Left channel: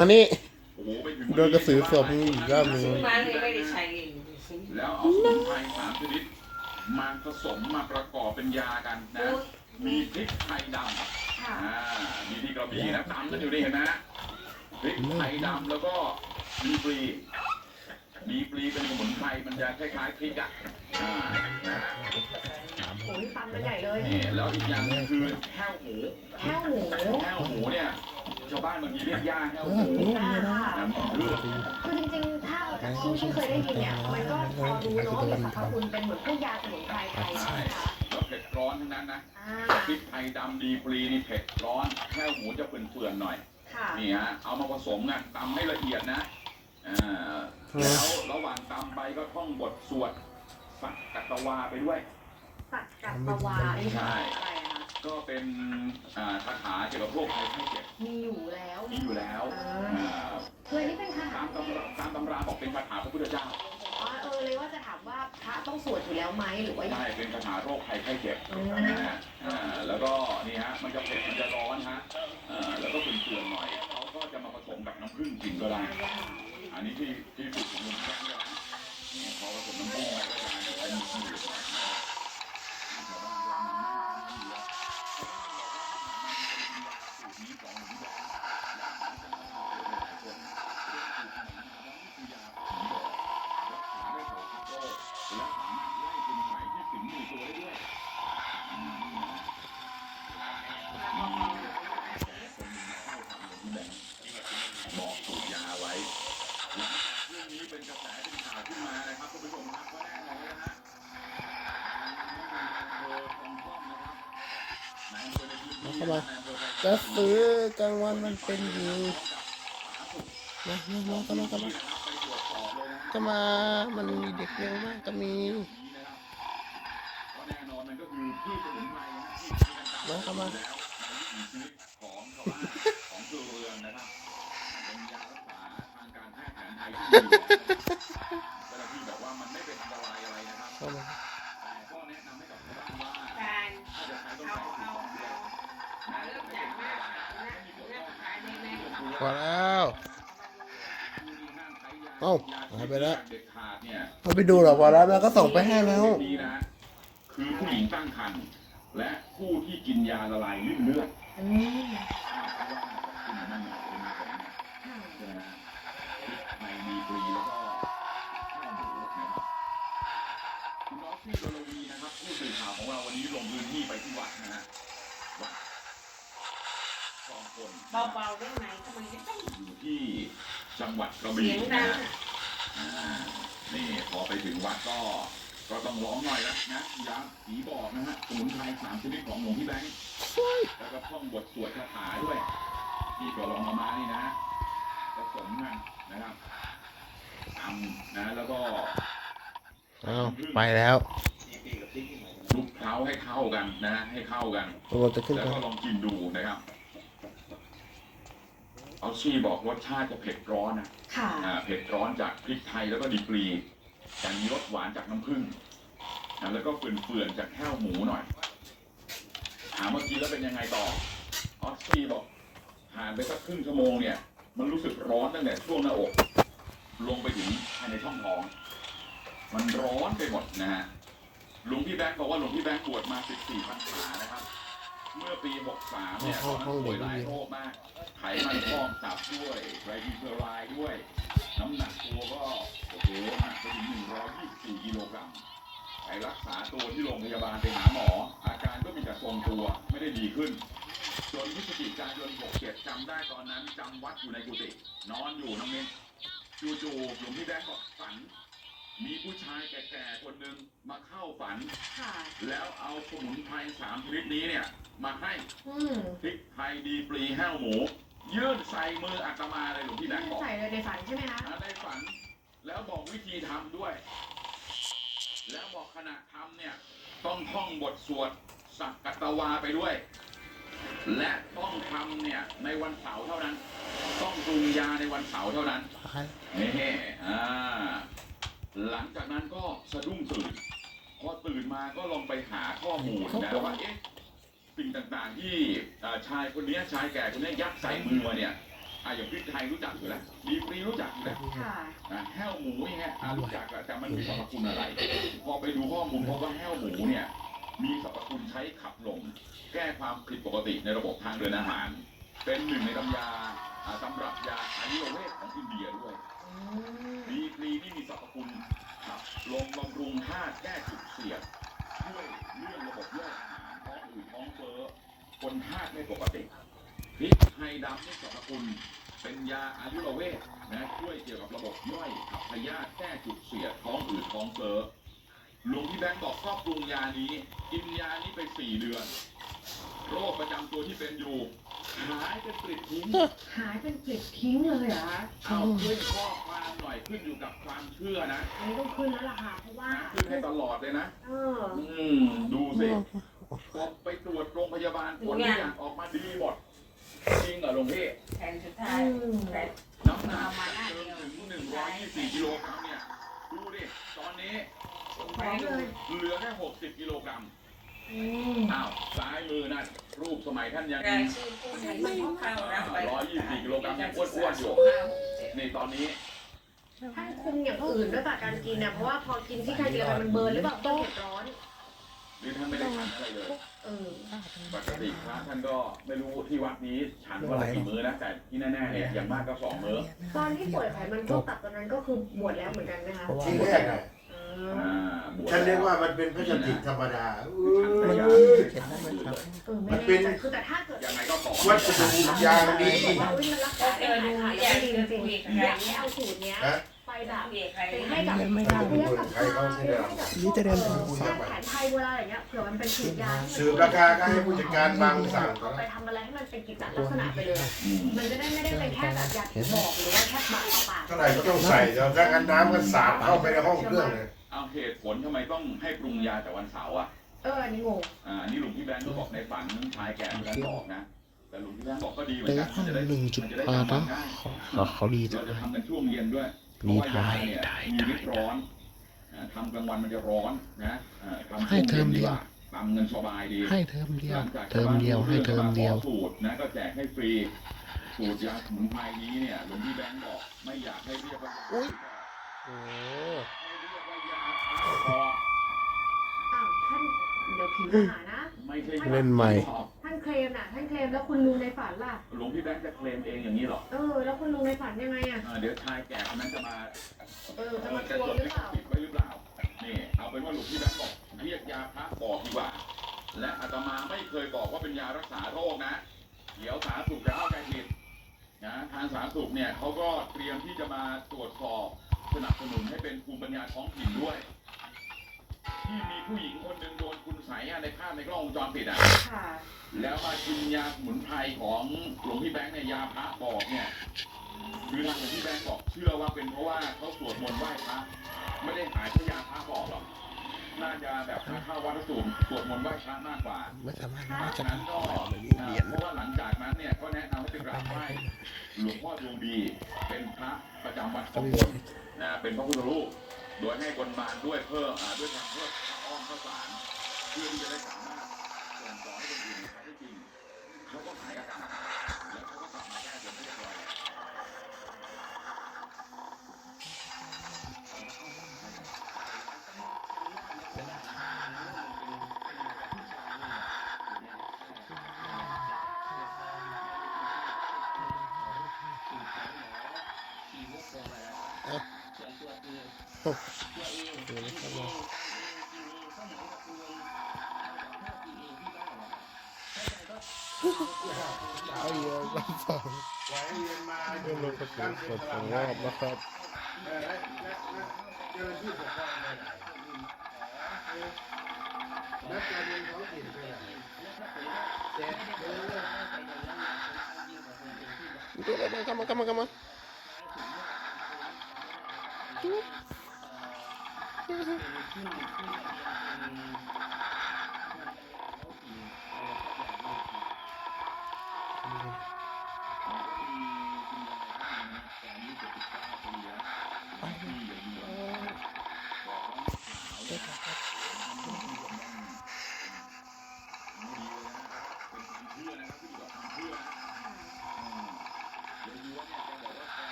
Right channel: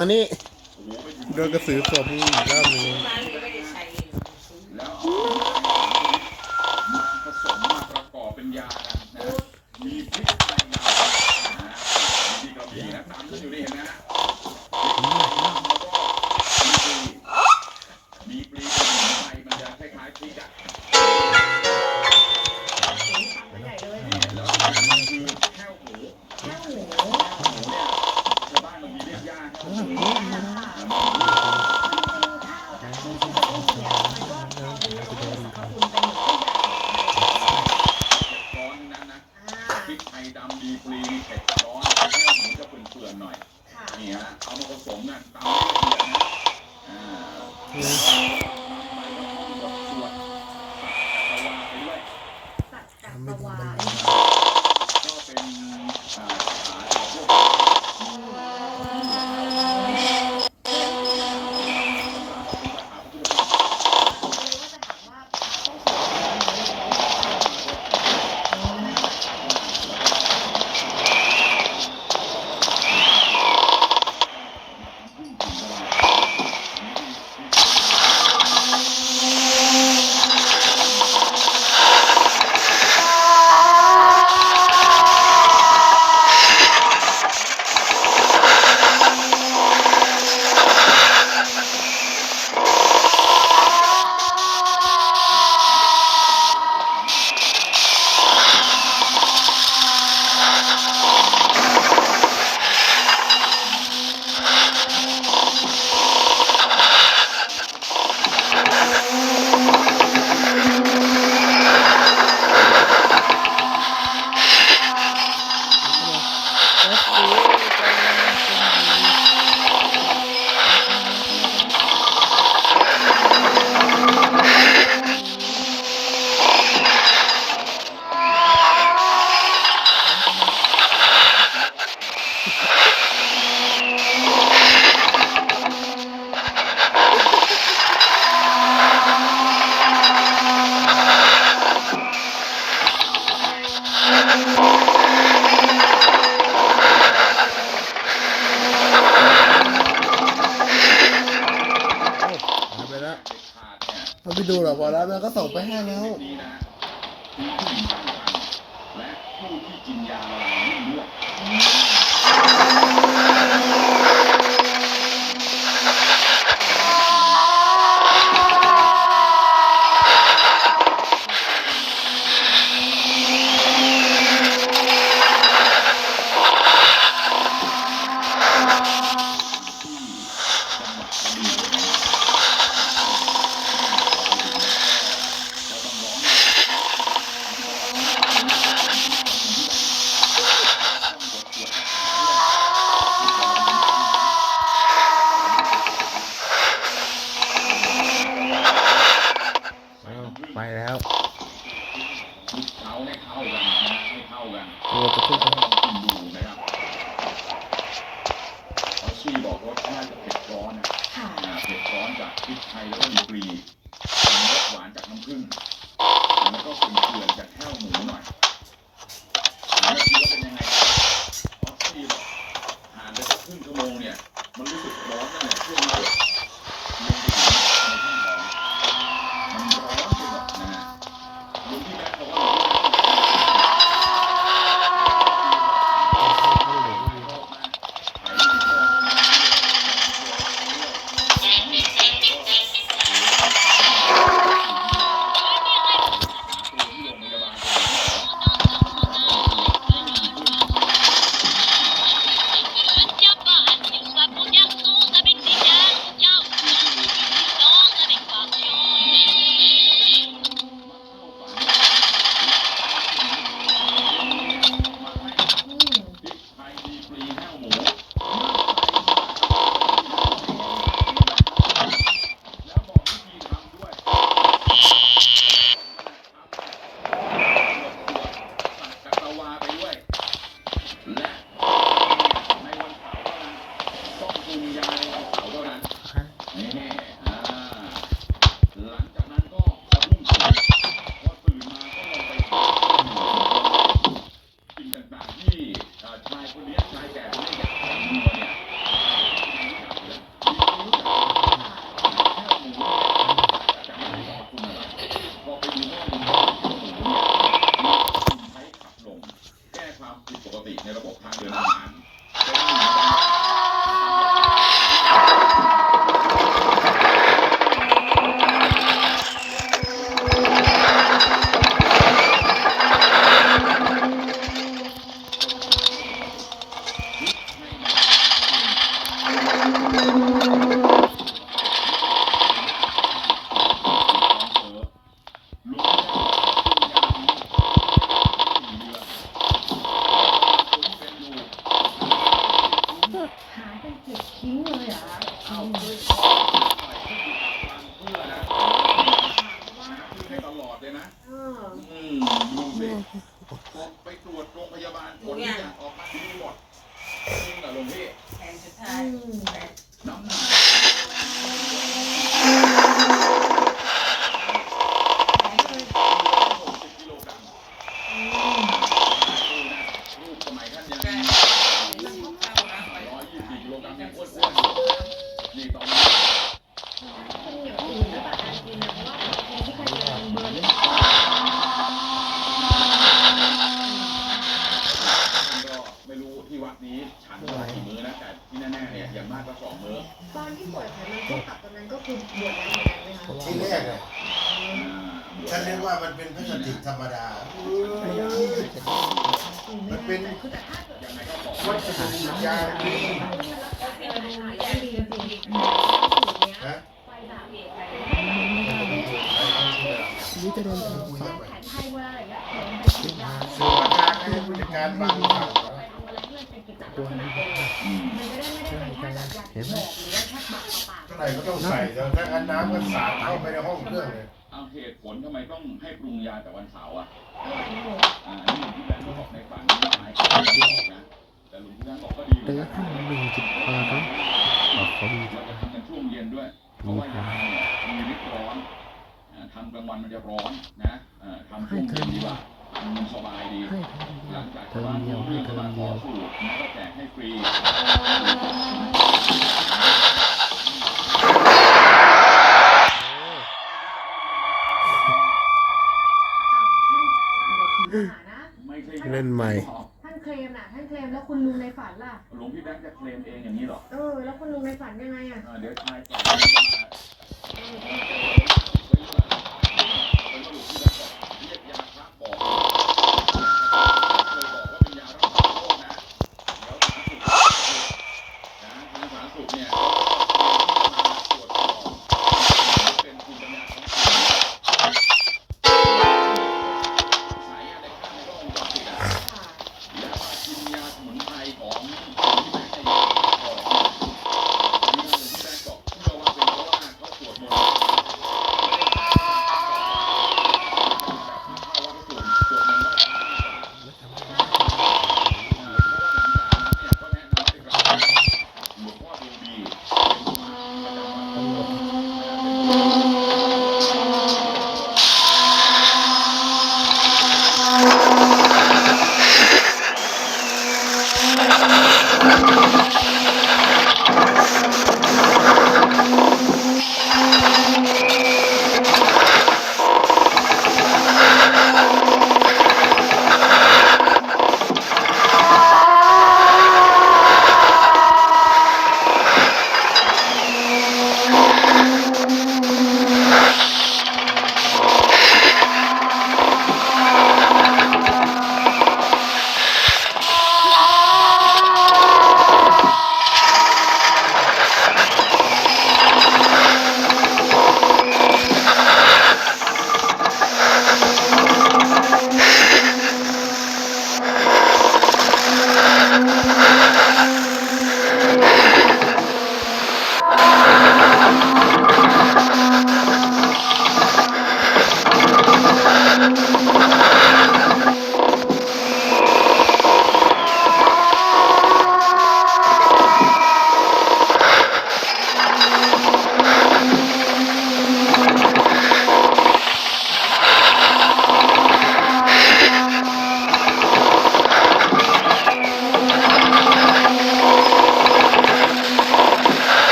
อันนี้โดนกระสือสมย่แล้วามีมีปี๊ดในน้พริกไทยดำมีกระบี่นะตากันอยู่นี่นะพริกไทยดำแล้วก็มีปลีมีปลีเป็นไทยมันจะคล้ายๆพริกอะแล้วอีกอย่างนึงคือแห้วหมูแห้หมู จริงๆถ้าคุณเคยได้ยินหมดทุกอย่างเลยเค็กร้อนนั้นนะพริกไทยดำดีปรีนี่เผ็ดร้อนแค่หมูจะเปื่อนๆหน่อย นี่ฮะ เอามาผสมกันะตำให้ละเอียดนะอ่าระหว่างตำไปก็ท่องบทสวดสักกะวาไปด้วยสักกะวาก็เป็นสาถาเกี่ยวกับพวก Ha ha ha ha! ไปดูหรอกวันนั้นก็ส่งไปให้แล้วผู้หญิงตั้งครรภ์และผู้ที่กินยาละลายริ่มเลือด ไปแล้วคุกเขาให้เข้ากันนะ ให้เข้ากันตัวจะขึ้นแล้วลองกินดูนะครับเขาซี่บอกรสชาติจะเผ็ดร้อนนะเผ็ดร้อนจากพริกไทยแล้วก็ดีกรีมีรสหวานจากน้ำผึ้งแล้วก็เกลื่อนๆจากแห้วหมูหน่อย ชายคนนี้ชายแก่คนนี้ยัดใส่มืเนี่ยใครรู้จักอยู่แล้วมีรู้จักแค่หมูแต่ไม่รู้สรคุณอะไรพอไปดูข้อมูวหมูเนี่ยมีคใช้ขับลมแก้ความผิดปกติในระบบทางเดินอาหารเป็นหนึ่งใน เลยนะเออ อืมดูสิพอไปตรวจโรงพยาบาลผลทุกอย่างออกมาดีหมดจริงเหรอหลวงพี่แทนสุดอืท้ายมน้ำหนักหายเลยเหลือหกสิบกิโลกรัมอืมซ้ายมือนะรูปสมัยท่านยังการเข้าน้ำไปร้อยยี่สิบกิโลกรัมยังอ้วนๆอยู่นี่ตอนนี้ ถ้ากินอย่างอื่นด้วยแบบการกินนะเพราะว่าพอกินที่ใครกินมันเบิร์นหรือเปล่าท่านก็ไม่รู้ที่วัดนี้ฉันก็กี่มื้อนะแต่ที่แน่ๆเนี่ยอย่างมากก็สองมื้อตอนที่ป่วยไขมันพวกตับตอนนั้นก็คือบวชแล้วเหมือนกันไหมคะที่แรกอะอ่าบวชฉันเรียกว่ามันเป็นพลาสติกธรรมดา มันมันเป็นคือแต่ถ้าเกิดยังไงก็ขอวัสดุยางดีมันรักษาได้หายแล้วดีจริงๆแต่เอาสูตรเนี้ยฮะ ไปแบบเด็กไปเป็นให้แบบไม่ได้ใครเขาที่เรานี่จะเดินคุยแพกันไปทย์ไทยเวลาอย่างเงี้ยเผื่อมันเป็นฉีดยาสืบราคาก็ให้ผู้จัดการบางสั่งเอาไปทำอะไรให้มันเป็นกิจลักษณะไปเลยอืมมันจะได้ไม่ได้เป็นแค่แบบยาที่บอกหรือว่าแค่ปากต่อปากเท่าไหร่ก็ต้องใส่แล้วถ้างั้นน้ำก็สาดเข้าไปในห้องเครื่องเลยเอาเหตุผลทำไมต้องให้ปรุงยาแต่วันเสาร์อะเออนี่งงอ่านี่หลวงพี่แบงค์ก็บอกในฝันชายเขาไม่บอกนะแต่หลวงพี่แบงค์บอกก็ดีเหมือนเตะกันห้องหนึ่งจุดพอเนาะอ๋อเขาดีเราจะทำกันช่วงเย็นด้วย นี่ยมีฤทธิ์ร้อนทำกลางวันมันจะร้อนนะทำช่ให้เทอเย็นมดีเดีกยวว่าทำมันสบายดีให้เทอมเดียวเทอมเดียวให้เทอมเดียวปลูกนเดียวเล่นใหม่ คลมแล้วคุณลุงในฝันล่ะ หลวงพี่แบงค์จะเคลมเองอย่างนี้เหรอเออ แล้วคุณลุงในฝันยังไงอะ อ่าเดี๋ยวชายแก่จะมา เออเอเอออจะเอจอด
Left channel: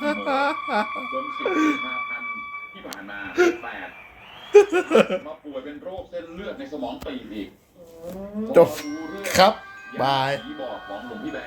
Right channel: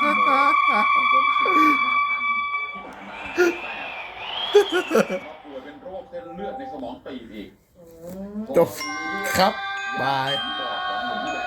จนสิบกุมภาพันธ์ที่ผ่านมาแปดมาป่วยเป็นโรคเส้นเลือดในสมองตีบอีกจบครับบาย ที่บอกของหลวงพี่แบ